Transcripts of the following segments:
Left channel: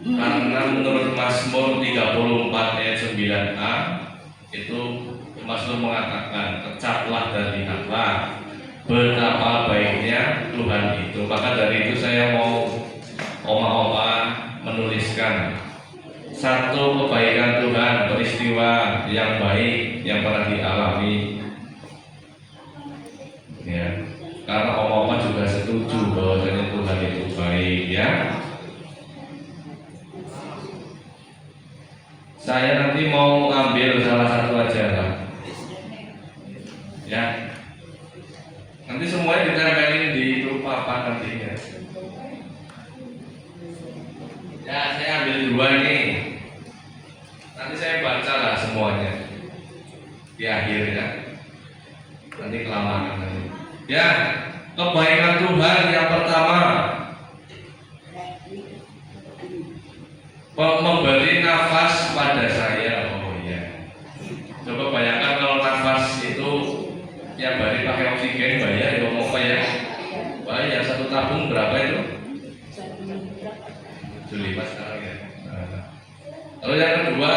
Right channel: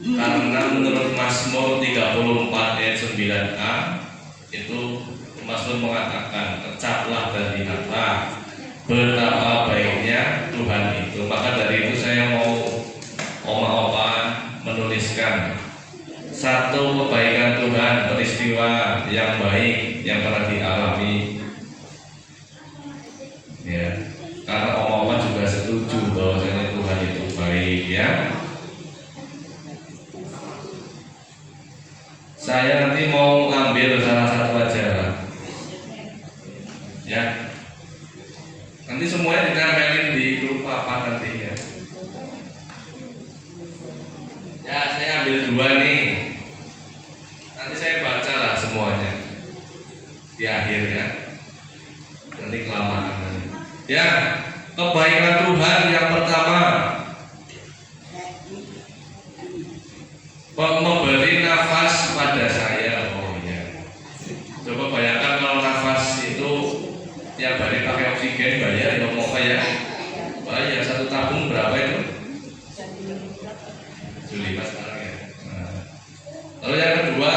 Karena menurut Mazmur 34 ayat 9a itu Mazmur mengatakan, kecaplah dan lihatlah betapa baiknya Tuhan itu. Maka dari itu saya mau oma-oma menuliskan satu kebaikan Tuhan, peristiwa yang baik yang pernah dialami. Ya, karena oma-oma juga setuju bahwasanya Tuhan itu baik, ya. Saya nanti mau ambil salah satu aja lah. Ya. Nanti semuanya ditempelin di grup apa nanti ya. Ya, saya ambil dua nih. Nanti saya baca lah semuanya di akhir ya. Nanti kelamaan nanti. Ya, kebaikan Tuhan yang pertama, memberi nafas pada saya. Oh ya. Coba bayangkan kalau nafas itu tiap hari pakai oksigen, bayar ya mau apa ya? Bayar satu tabung berapa itu? 75 sekarang ya. Nah. Lalu yang kedua,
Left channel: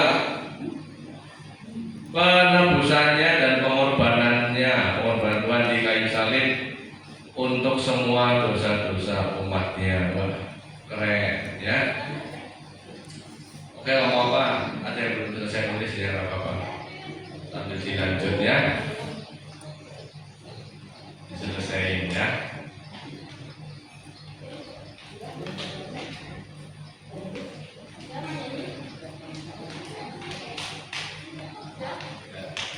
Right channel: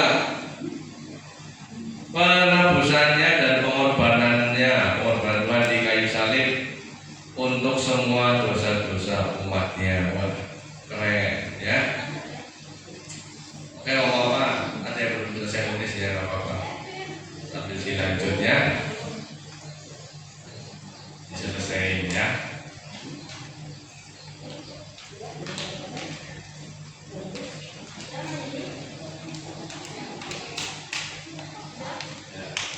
penebusannya dan pengorbanan Tuhan di kayu salib untuk semua dosa-dosa umatnya. Wah, keren ya. Oke, mau apa? Ada yang belum selesai nulis ya, nggak apa-apa. Sambil dilanjut ya, diselesaikan ya.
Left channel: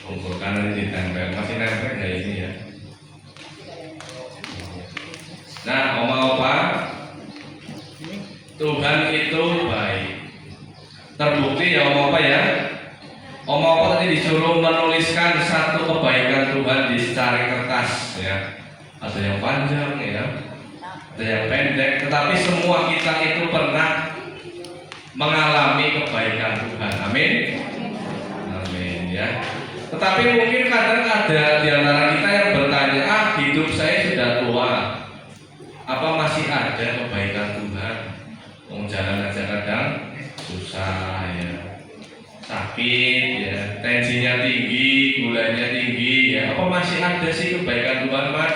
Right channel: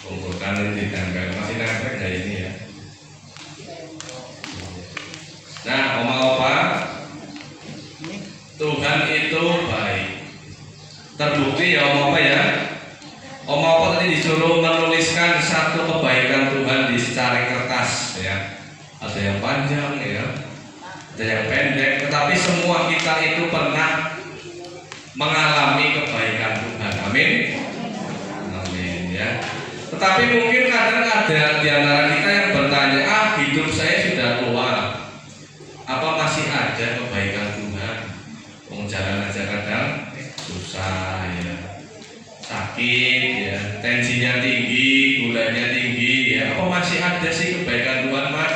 Kumpulkan ini ditempel, masih nempel nggak ini ya? Nah, oma-opa, Tuhan itu baik. Terbukti ya oma-opa ya. Oma-opa tadi disuruh menuliskan satu kebaikan Tuhan di secari kertas ya. Ada yang panjang ya, ada yang pendek, tetapi semua kita itu pernah mengalami kebaikan Tuhan. Amin. Amin ya. Tetapi mungkin kadang ada di antara kita yang bertanya, hidup saya sudah tua, apa masih ada kebaikan Tuhan? Jalan aja kadang susah ya, sakit ya, tensinya tinggi, gulanya tinggi ya, apa masih ada sih kebaikan Tuhan mas?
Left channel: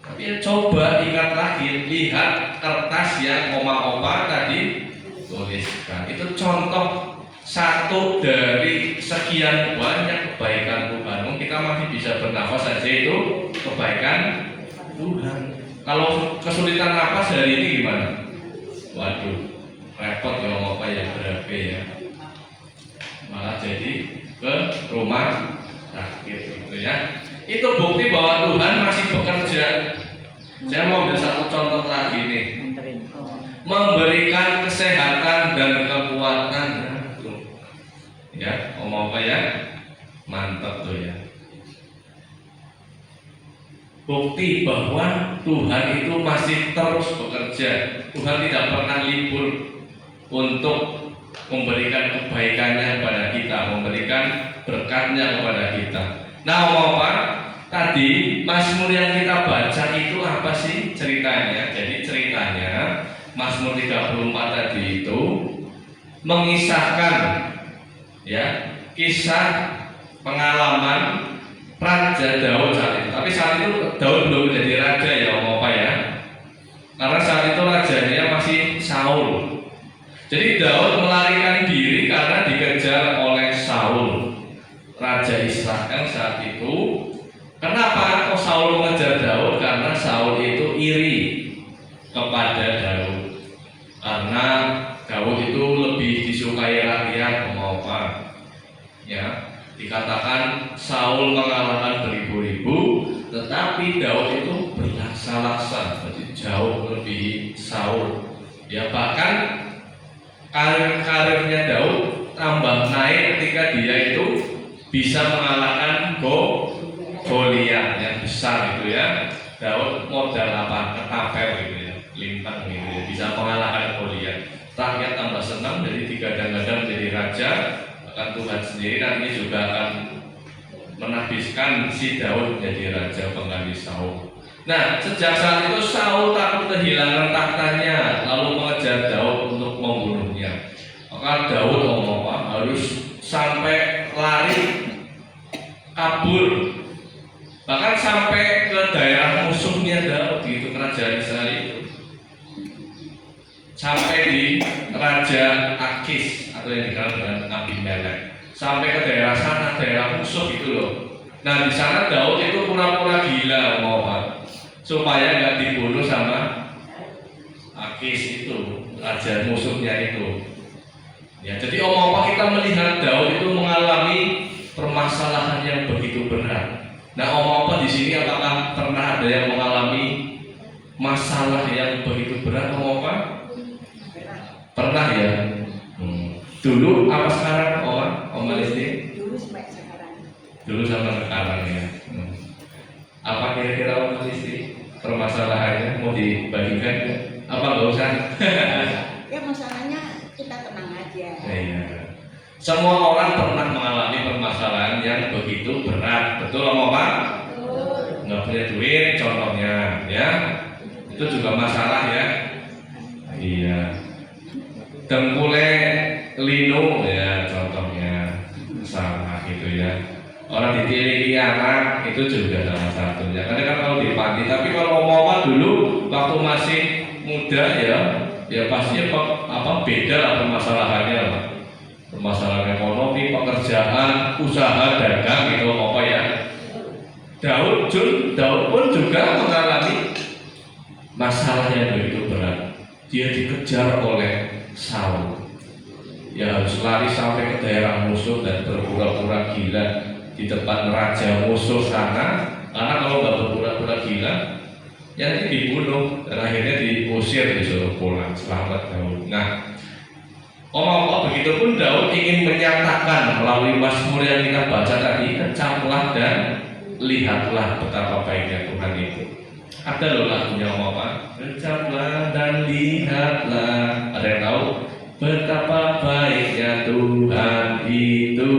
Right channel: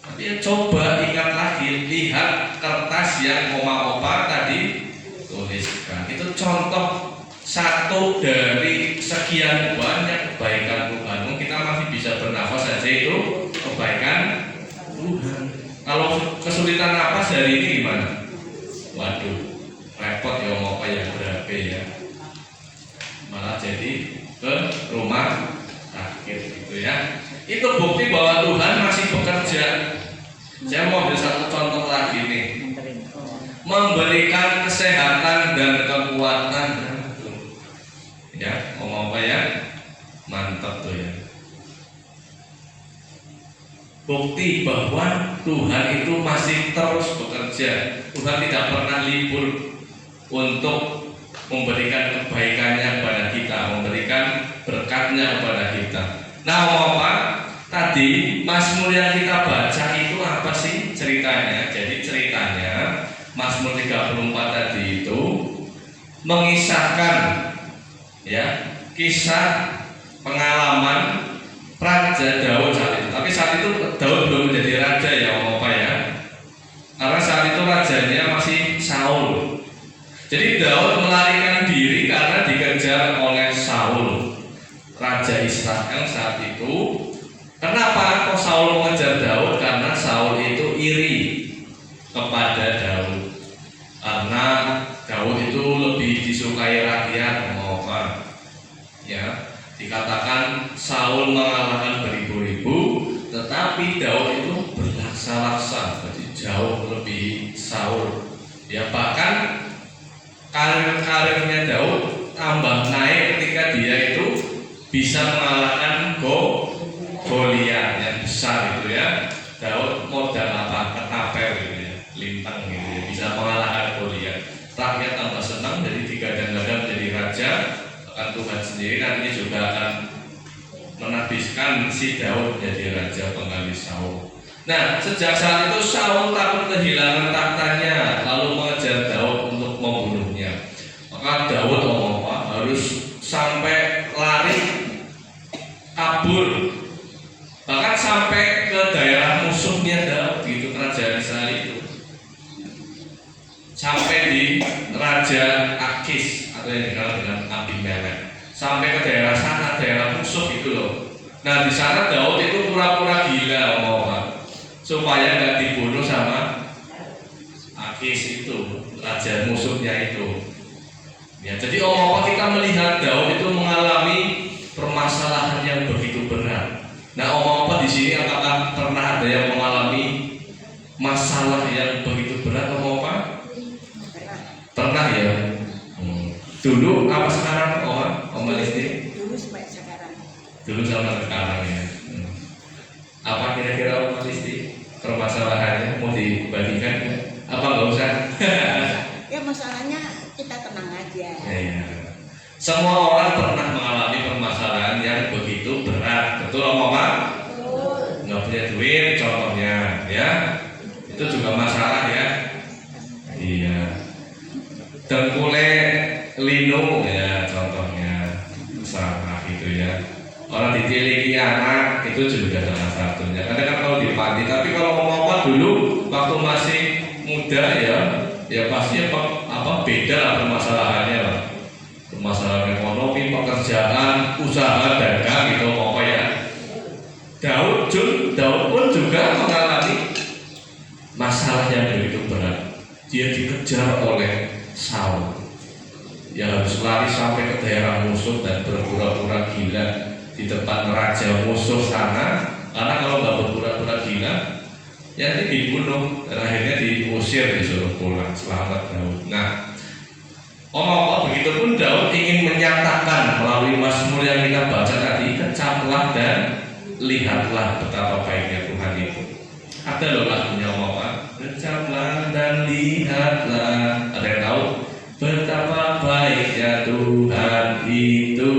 Tapi coba ingat lagi, lihat kertas yang oma-opa tadi tuliskan, itu contoh satu dari sekian banyak kebaikan Tuhan. Kita masih bisa bernafas saja itu kebaikan Tuhan. Kalau kesulitan napas hari ini gimana? Waduh, repot ya mau apa yang berabe ya. Malah jadi ke rumah sakit gitu ya. Itu bukti bahwa Tuhan masih bekerja. Saya mau ambil satu contoh lagi nih. Memberikan kesehatan dan kekuatan. Ya, ngomong apa ya? Mantap tuh ya. Bukti bahwa Tuhan itu masih terus bekerja. Tuhan tidak pernah libur untuk memberikan kebaikannya kepada kita, memberikan berkatnya kepada kita. Nah, mau apa? Tadi Mazmur yang kita baca itu apa sih ceritanya? Jadi ceritanya Mazmur 34 tadi itu mengisahkan ya kisah pengalaman Raja Daud saat itu. Tapi saat itu Daud belum menjadi raja ya om apa ya. Karena saat itu rajanya masih Saul. Jadi Daud melarikan diri karena dikejar oleh Saul, raja Israel saat itu. Kenapa kok Saul mengejar Daud? Karena Saul itu iri kepada Daud. Karena Daud itu lebih disukai rakyat mau apa? Ya. Dikatakan Saul mengalahkan beribu-ribu, tetapi Daud itu berlaksa-laksa, jadi jauh lebih Saul. Ya bahkan karir-karirnya Daud tambah naik ketika dia itu bisa mengalahkan Goliat yang besar itu ya. Daud modal apa? Ketapel gitu ya, lintang gitu ya, bisa mengalahkan Goliat. Rakyat tambah senang, jadi digadang-gadang menjadi raja. Akan Tuhan sendiri nantinya juga akan menabiskan si Daud menjadi raja pengganti Saul. Nah, sejak saat itu Saul takut kehilangan tahtanya, lalu sampai di Raja Akis atau yang dikenal dengan Abimelek, sampai ke daerah sana, daerah musuh gitu loh. Nah di sana Daud itu pura-pura gila supaya nggak dibunuh sama Akis itu, raja musuhnya itu. Ya, jadi kita melihat Daud itu mengalami permasalahan yang begitu berat. Nah di sini apakah pernah ada yang mengalami masalah yang begitu berat Pernah ya? Dulu apa sekarang Om Listi? Dulu sama sekarang ya. Apa kira-kira Om Listi permasalahannya mau dibagikan? Apa nggak usah? Ya masalahnya kita tenang aja. Iya. Semua orang pernah mengalami permasalahan yang begitu berat, betul Om? Betul. Nggak punya duit contohnya, ya. Itu juga masalah ya. Iya. Dengkule linu ya contohnya, salah gitu ya. Orang ditiliki anak itu juga salah satunya. Karena kan kalau dipanggil, tapi kalau Om dulu waktu masih muda ya pasti beda lah permasalahannya lah. Permasalahan ekonomi, pekerjaan, usaha, dagang gitu ya. Daud pun juga mengalami masalah yang begitu berat. Dia dikejar oleh Saul. Ya harus lari sampai ke daerah musuh dan berpura-pura gila di depan raja musuh sana. Karena kalau nggak berpura-pura gila, ya ini dibunuh dan akhirnya diusir, disuruh pulang. Selamat Daud. Nah, begitupun Daud ingin menyatakan melalui Mazmur yang kita baca tadi, kecaplah dan lihatlah betapa baiknya Tuhan itu. Ada loh lagunya kecaplah dan lihatlah. Ada yang tahu betapa baiknya Tuhan itu,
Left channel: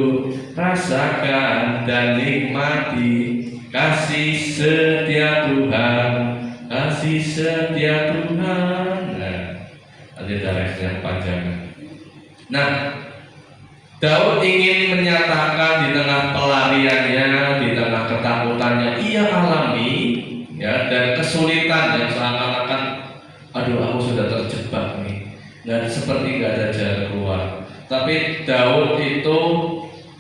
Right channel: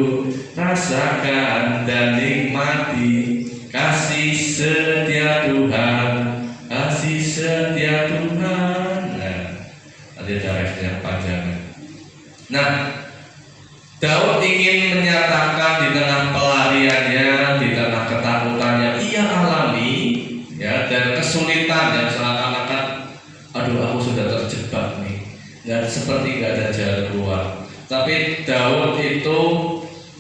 rasakan dan nikmati kasih setia Tuhan, kasih setia Tuhan. Nah, ada yang panjang. Nah, Daud ingin menyatakan di tengah pelariannya, di tengah ketakutan yang ia alami, ya, dan kesulitan yang seakan-akan, aduh aku sudah terjebak nih, dan seperti nggak ada jalan keluar. Tapi Daud itu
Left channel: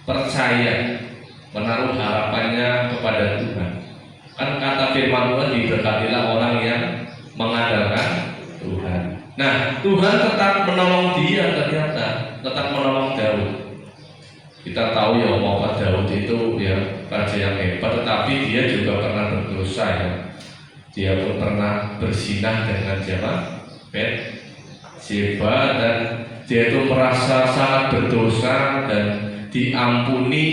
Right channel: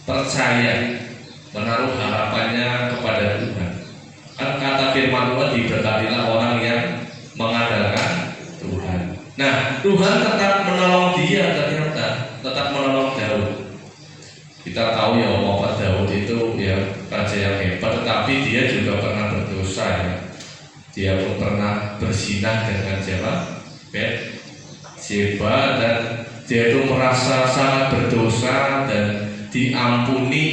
percaya, menaruh harapannya kepada Tuhan. Kan kata firman Tuhan, diberkatilah orang yang mengandalkan Tuhan. Nah, Tuhan tetap menolong dia, ternyata tetap menolong Daud. Kita tahu ya Daud itu ya raja yang hebat, tetapi dia juga pernah berdosa ya. Dia pun pernah berzinah dengan siapa? Bathsheba, dan dia itu merasa sangat berdosa dan diampuni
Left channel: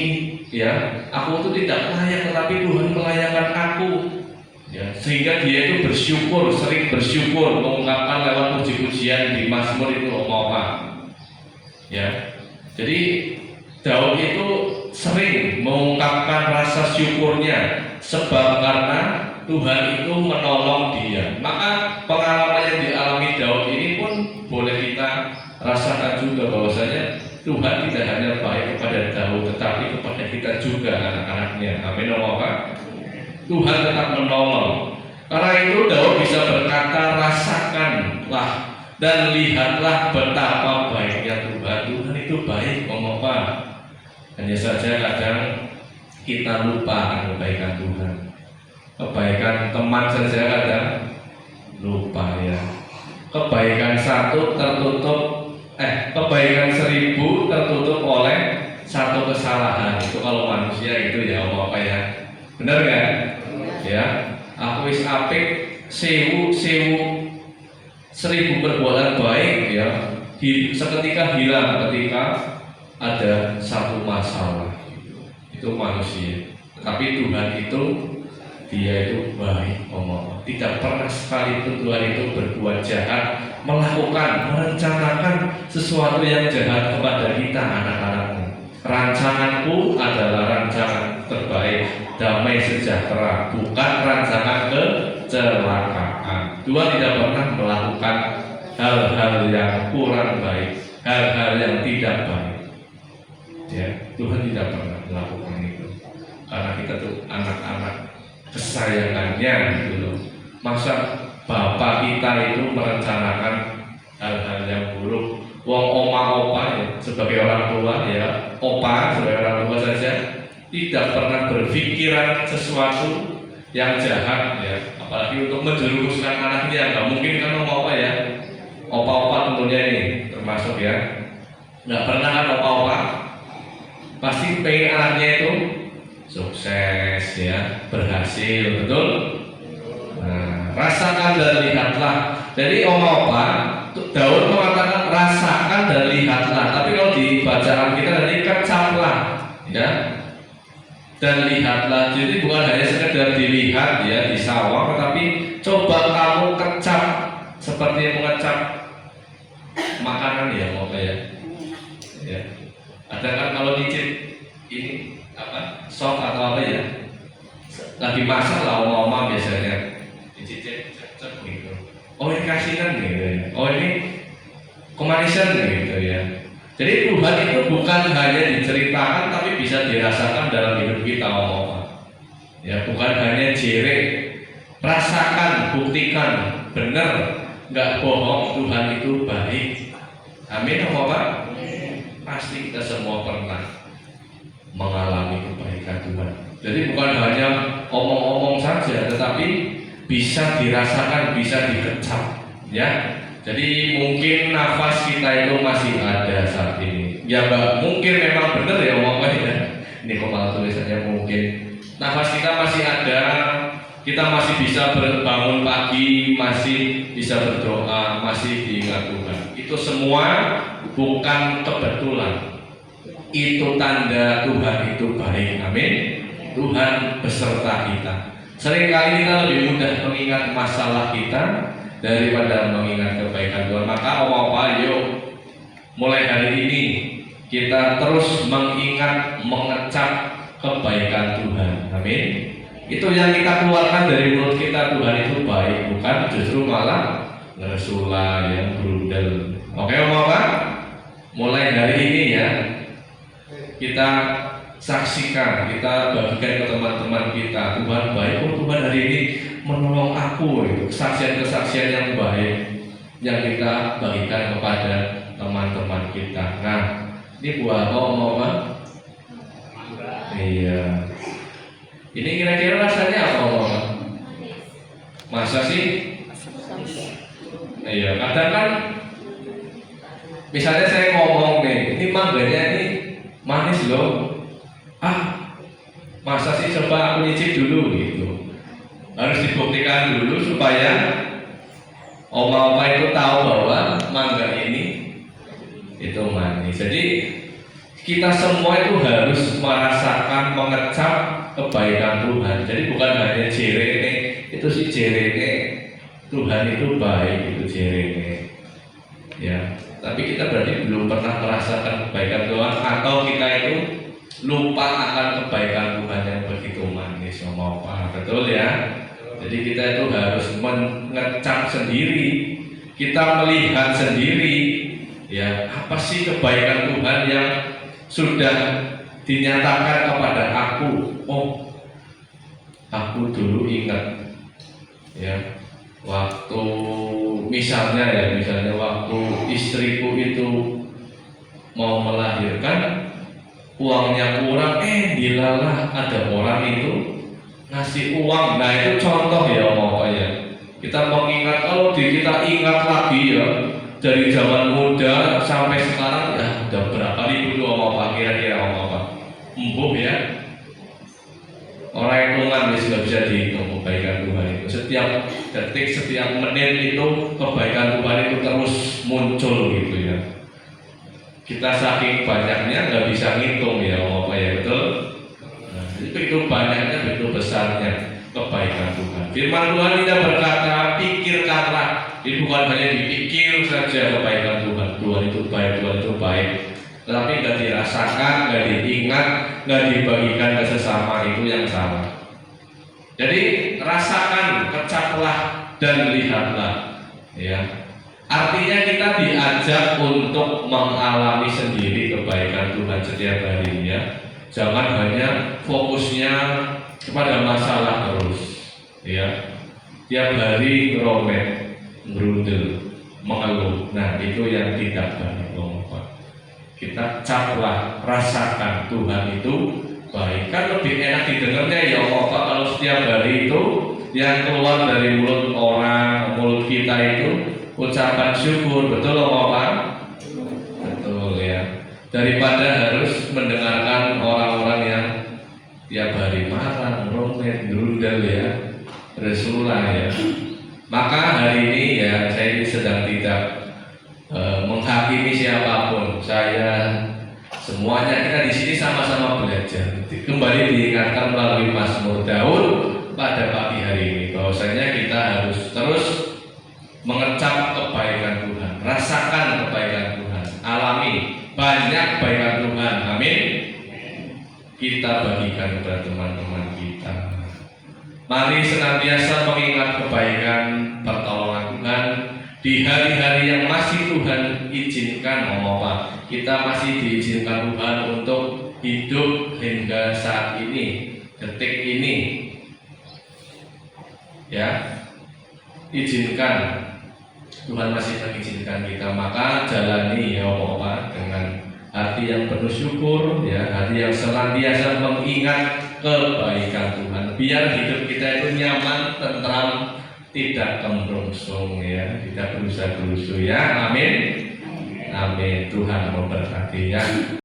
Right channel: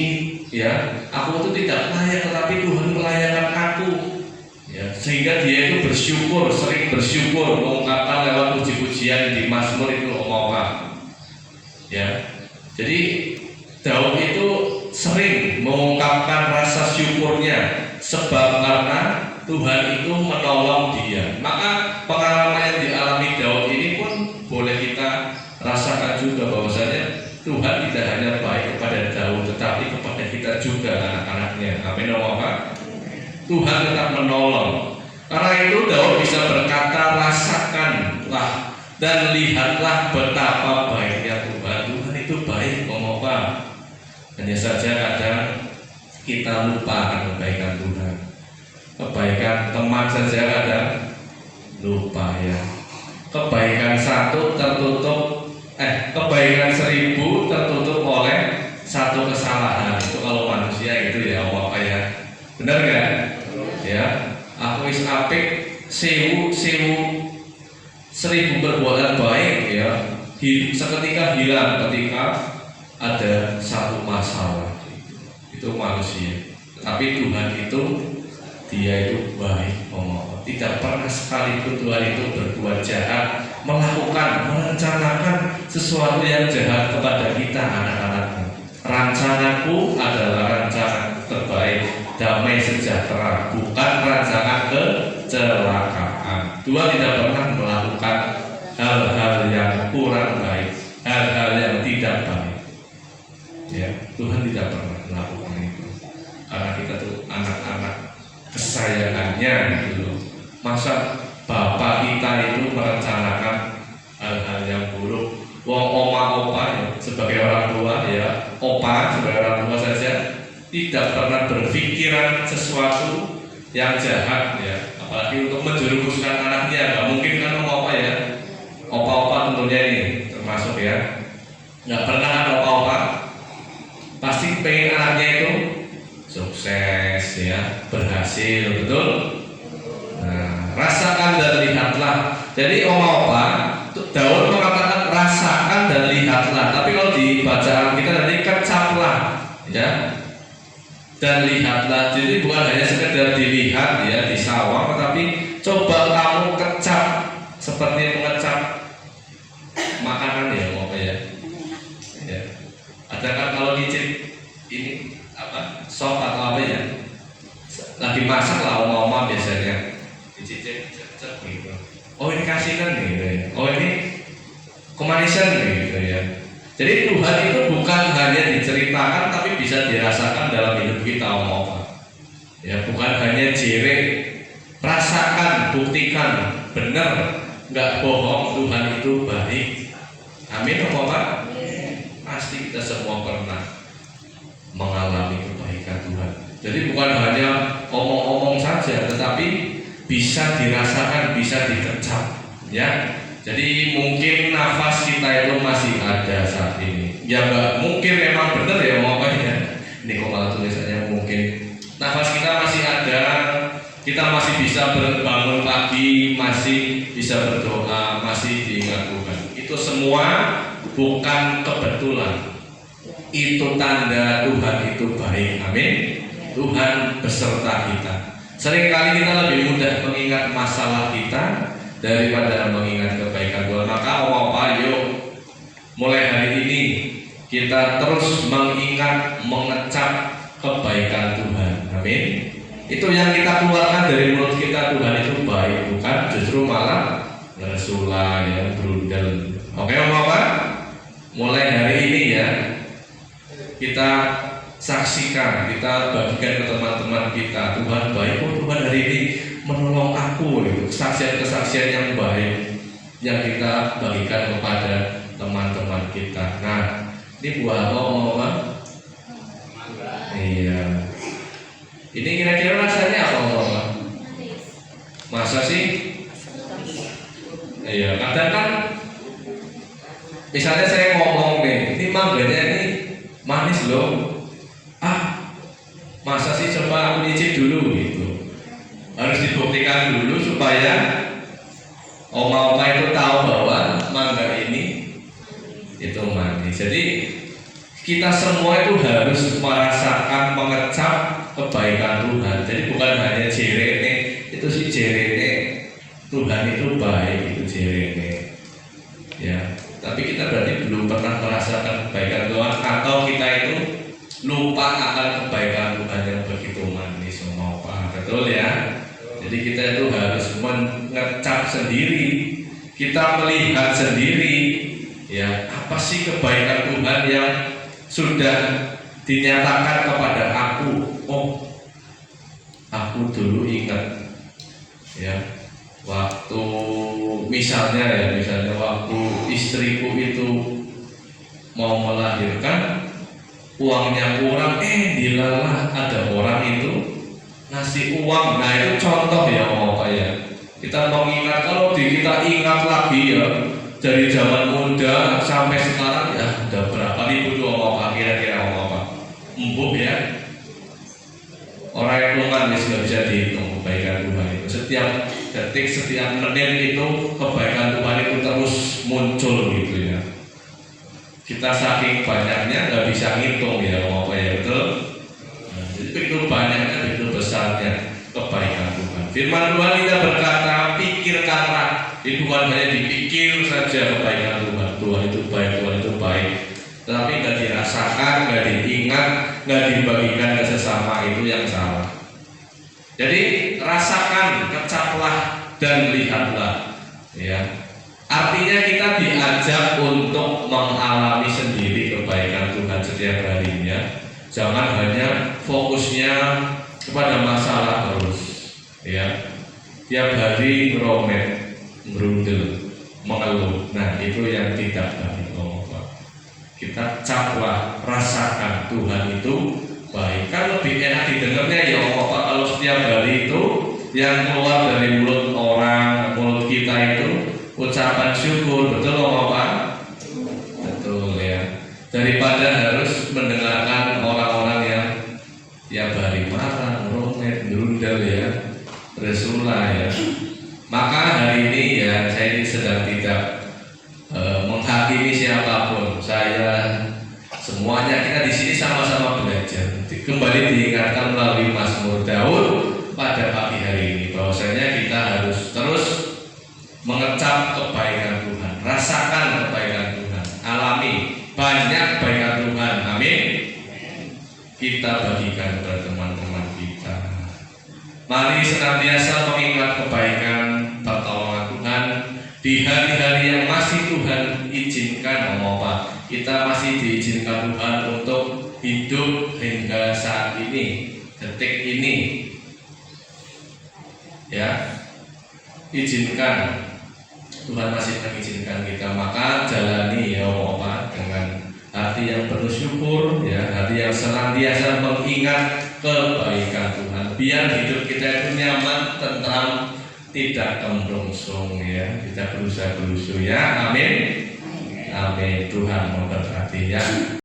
ya. Aku itu tidak layak, tetapi Tuhan melayakkan aku. Ya, sehingga dia itu bersyukur, sering bersyukur, mengungkapkan lewat puji-pujian di Mazmur itu ya. Jadi Daud itu sering mengungkapkan rasa syukurnya sebab karena Tuhan itu menolong dia. Maka pengalaman yang dialami Daud ini pun boleh kita rasakan juga, bahwasanya Tuhan tidak hanya baik kepada Daud, tetapi kepada kita juga, anak-anaknya. Amin. Tuhan tetap menolong. Karena itu Daud bisa berkata, rasakanlah dan lihatlah betapa baiknya Tuhan. Tuhan itu baik, hanya saja kadang kita lupa akan kebaikan Tuhan. Kebaikan teman saja kadang lupa ya. Kebaikan satu tertutup, kebaikan 1000 tertutup oleh satu kesalahan. Itu kalau manusia itu ya ya. Benar nggak? Ya, aku wis apik 1000 perbuatan baik ya, seketika hilang ketika ada satu masalah. Itu manusia. Tapi Tuhan itu dia itu baik, tidak pernah sekalipun Tuhan itu berbuat jahat, merencanakan sesuatu yang jahat kepada kita, anak-anaknya. Rancanganku adalah rancangan terbaik, damai sejahtera, bukan rancangan kecelakaan. Tuhan tidak pernah melakukan hal-hal yang kurang baik, hal-hal yang tidak baik. Ya, Tuhan tidak pernah melakukan itu. Karena kita tuh anak-anak kesayangannya gitu loh. Masa Bapak kita itu merencanakan hal-hal tidak pernah berpikiran sesuatu yang jahat ya, apalagi untuk menjerumuskan anaknya. Nggak mungkin kan opa-opa ya, opa-opa tentunya ini termasuk ya, nggak pernah kan opa-opa pasti pengen anaknya itu sukses ya, berhasil, betul? Nah, rasakan dan lihatlah. Jadi opa Daud mengatakan rasakan dan lihatlah, tapi kalau di bacaan kita tadi kecaplah ya, dan lihatlah. Jadi bukan hanya sekedar dilihat ya di sawah, tetapi coba kamu kecap seperti mengecap makanan ya opa ya. Ya. Ada kan kalau nyicip ini apa sop atau apa ya, lagi masak lah oma-oma biasanya dicicip cek gitu. Oh ini kasihan gitu ya. Oh ini kemanisan gitu ya. Jadi Tuhan itu bukan hanya diceritakan tapi bisa dirasakan dalam hidup kita oma-oma. Ya bukan hanya jere, rasakan, buktikan, benar, nggak bohong, Tuhan itu baik. Amin oma-oma. Pasti kita semua pernah mengalami kebaikan Tuhan. Jadi bukan hanya omong-omong saja, tetapi bisa dirasakan, bisa dikecap, ya. Jadi mungkin nafas kita itu masih ada saat ini. Ya nggak mungkin memang benar ya omongnya. Ini kok malah tulisannya mungkin. Nafas kita masih ada, kita masih bisa bangun pagi, masih bisa berdoa, masih diingat Tuhan. Itu semua bukan kebetulan, itu tanda Tuhan itu baik. Amin. Tuhan beserta kita. Seringkali kita lebih mudah mengingat masalah kita daripada mengingat kebaikan Tuhan. Maka opa-opa yuk mulai hari ini kita terus mengingat, mengecap kebaikan Tuhan. Amin. Itu yang kita keluarkan dari mulut kita, Tuhan itu baik, bukan justru malah ngeresula ya, berundel. Oke opa-opa, mulai hari ini ya kita saksikan, kita bagikan ke teman-teman kita, Tuhan baik, oh Tuhan hari ini menolong aku, gitu. Kesaksian-kesaksian yang baik yang kita bagikan kepada teman-teman kita. Nah, ini buah apa? Iya. Ini kira-kira rasanya apa oma? Masa sih? Iya, kadang kan misalnya saya ngomong nih, ini mangganya ini manis loh. Masa sih, coba aku nyicip dulu gitu. Harus dibuktikan dulu supaya oma-oma itu tahu bahwa mangga ini itu manis. Jadi kita semua itu harus merasakan, mengecap kebaikan Tuhan. Jadi bukan hanya jerene, itu sih jerene Tuhan itu baik, itu jerene. Ya, tapi kita berarti belum pernah merasakan kebaikan Tuhan, atau kita itu lupa akan kebaikan Tuhan yang begitu manis, oma-opa. Betul ya? Jadi kita itu harus mengecap sendiri, kita melihat sendiri, ya apa sih kebaikan Tuhan yang sudah dinyatakan kepada aku. Oh, aku dulu ingat, ya waktu misalnya waktu istriku itu mau melahirkan, uangnya kurang, dilalah ada orang itu ngasih uang. Nah itu contoh ya mau ya. Kita mengingat, kalau kita ingat lagi ya dari zaman muda sampai sekarang ya udah berapa ribu tuh mau kira-kira apa? Empuk ya. Orang yang hitungan nggak bisa dihitung kebaikan Tuhan itu. Setiap detik, setiap menit itu kebaikan Tuhan itu terus muncul gitu ya. Kita saking banyaknya nggak bisa ngitung ya apa ya, betul? Nah, itu banyaknya, itu besarnya kebaikan Tuhan. Firman Tuhan kita berkata, pikirkanlah. Itu bukan hanya dipikir saja kebaikan Tuhan. Tuhan itu baik, Tuhan itu baik. Tetapi nggak dirasakan, nggak diingat, nggak dibagikan ke sesama, itu yang salah. Jadi rasakan, kecaplah dan lihatlah. Ya. Artinya kita diajak untuk mengalami sendiri kebaikan Tuhan setiap harinya. Jangan hanya fokusnya kepada masalah terus, ya. Tiap hari ngeromet, ngerundel, mengeluh. Nah itu yang tidak baik, Bapak. Kita caplah, rasakan Tuhan itu baik. Kan lebih enak didengarnya ya apa kalau setiap hari itu yang keluar dari mulut orang, mulut kita itu ucapan syukur, betul apa? Betul ya. Daripada harus mendengarkan orang-orang yang tiap hari marah, romet, drundal ya, Rasulullah ya. Maka hari ini ya saya ini sedang tidak menghakimi siapapun. Saya semuanya kita di sini sama-sama belajar. Kembali diingatkan melalui Mazmur Daud pada pagi hari ini bahwasanya kita harus terus mengecap kebaikan Tuhan, rasakan kebaikan Tuhan, alami banyak kebaikan Tuhan. Amin. Kita bagikan kepada teman-teman kita. Mari senantiasa mengingat kebaikan pertolongan Tuhan di hari-hari yang masih Tuhan izinkan. Apa? Kita masih diizinkan Tuhan untuk hidup hingga saat ini, detik ini. Ya, izinkan. Tuhan masih mengizinkan kita, maka jalani ya apa dengan hati yang penuh syukur, ya, hati yang senantiasa mengingat kebaikan Tuhan. Biar hidup kita itu nyaman, tentram, tidak kemrungsung ya, tidak gerusa-gerusu ya. Amin. Amin. Tuhan memberkati ya.